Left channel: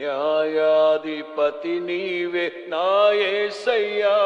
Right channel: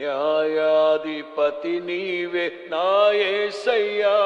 న్యాయాధిపతి నీవే నాయసయ్యా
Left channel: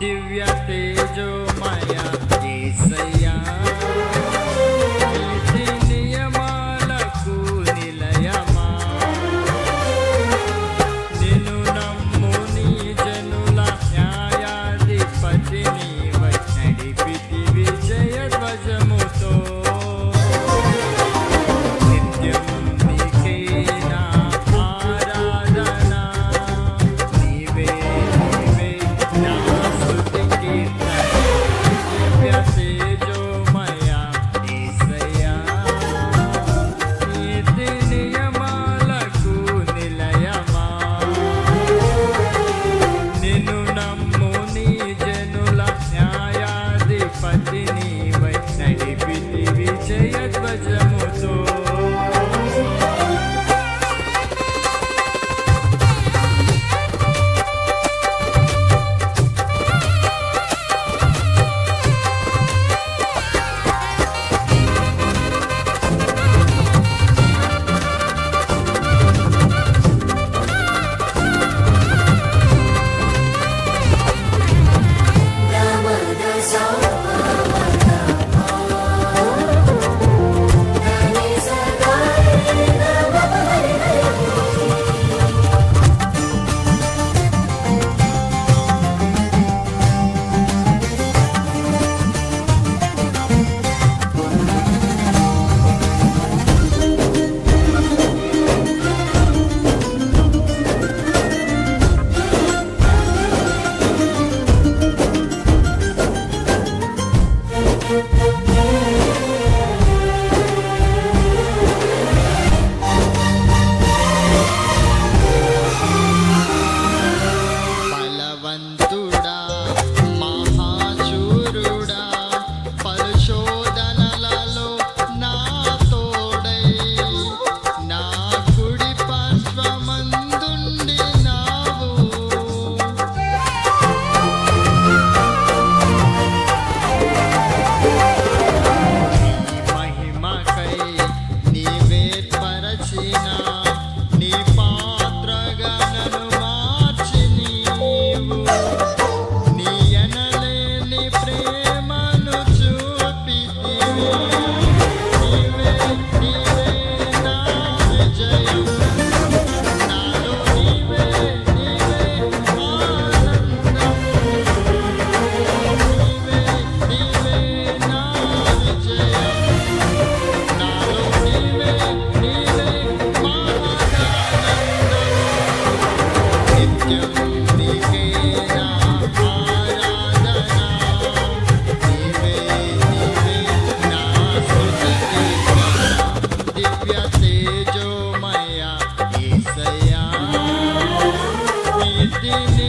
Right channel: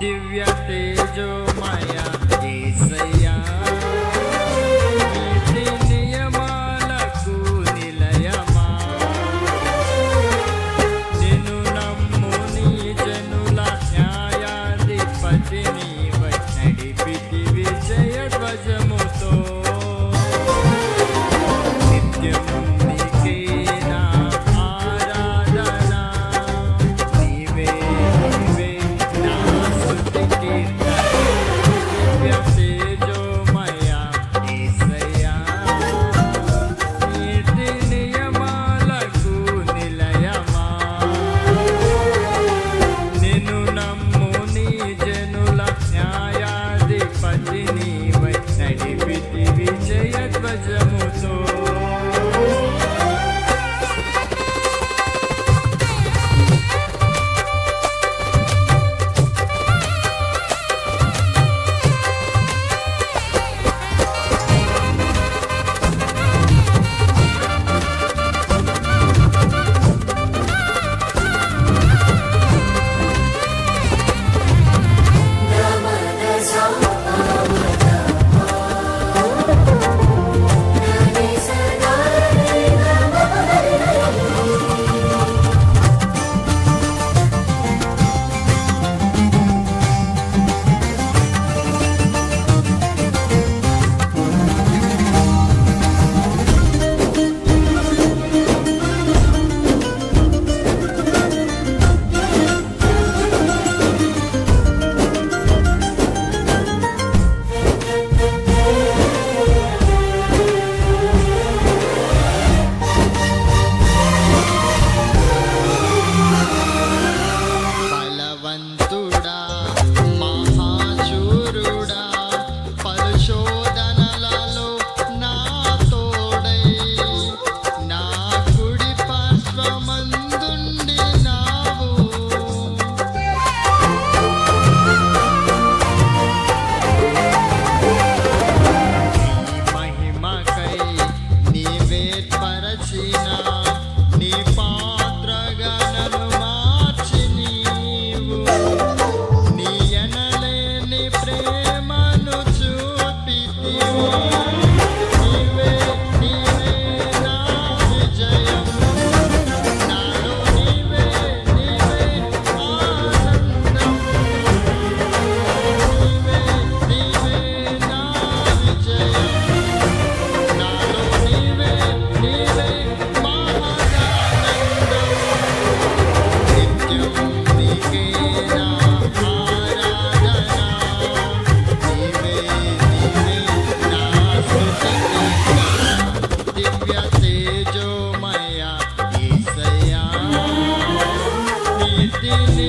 దివ్య తేజోమయ ఈసయ్యా నీతి నియమాలకు నిలయమా నిన్ను నమ్ము నీ జనుల న్యాయాధిపతి నీవై నడిపితి విజయ ధ్వజముతో విజయ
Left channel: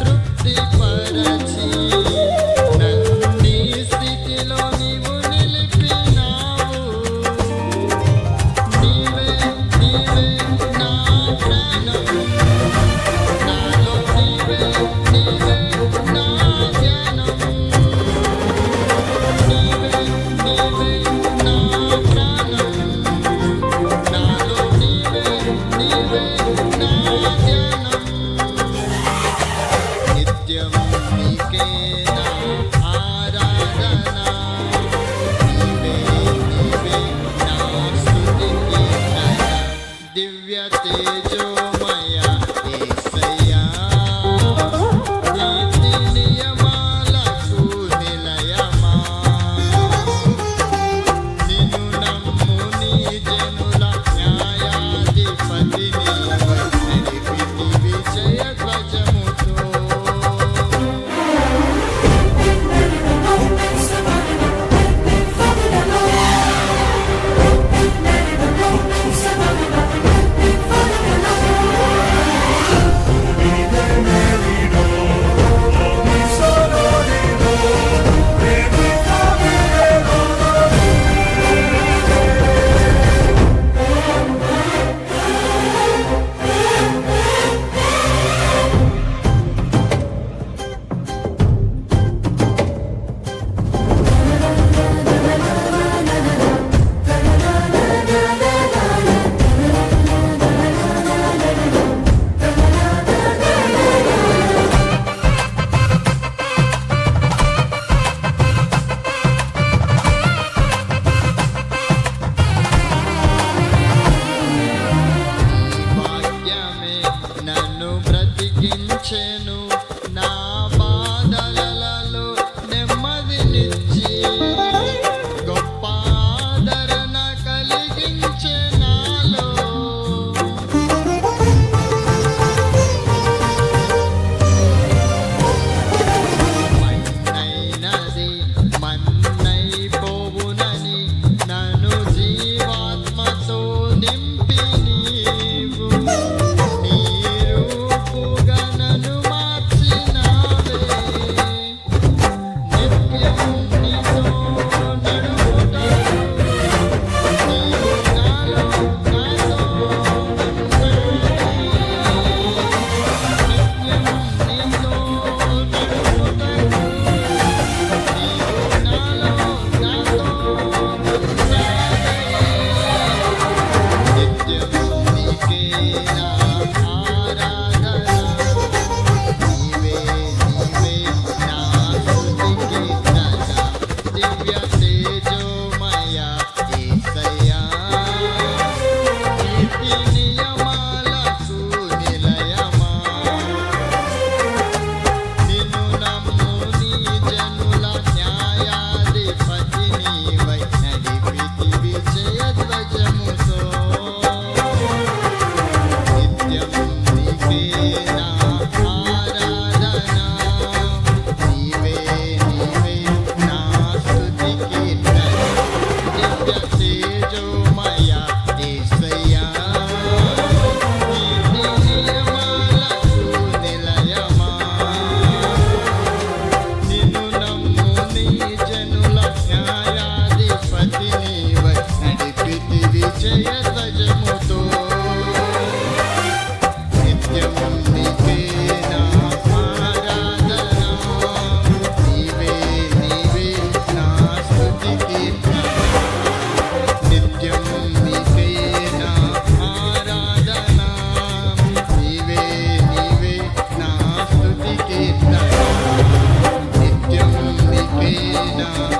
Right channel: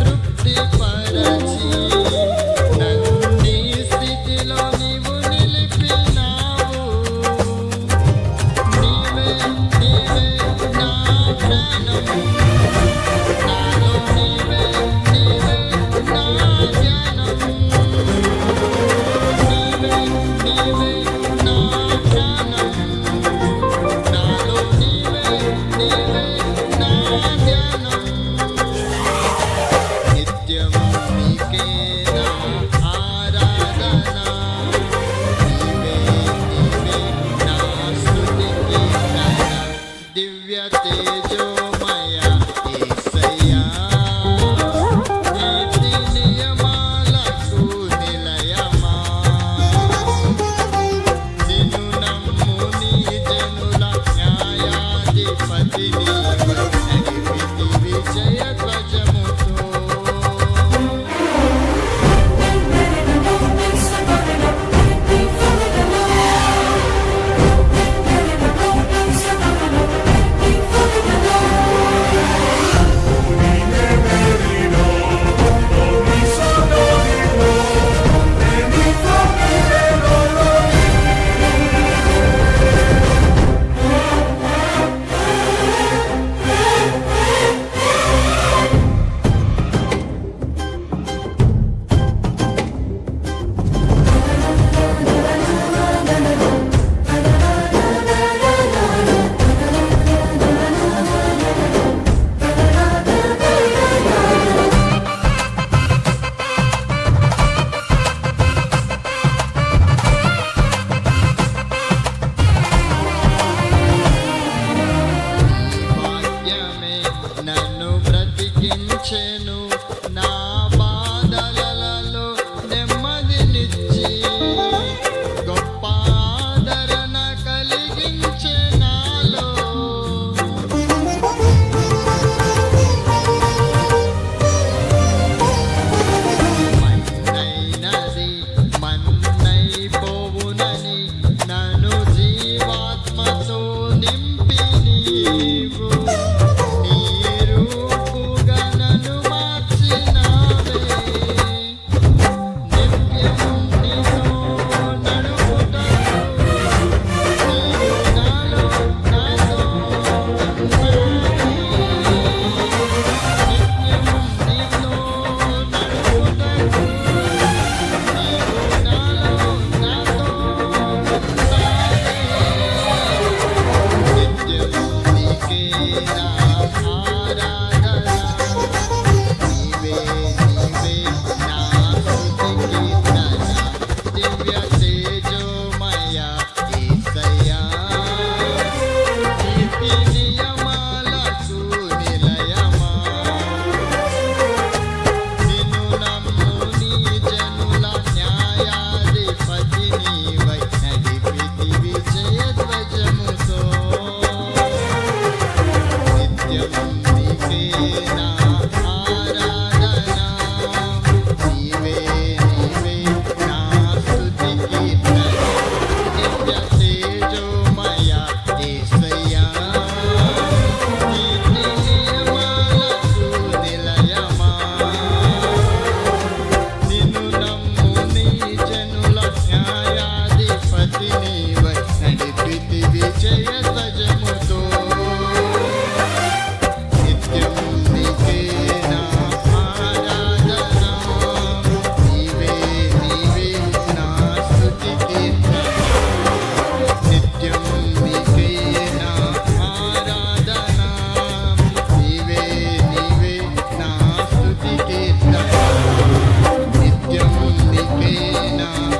తృప్తి పరచి now.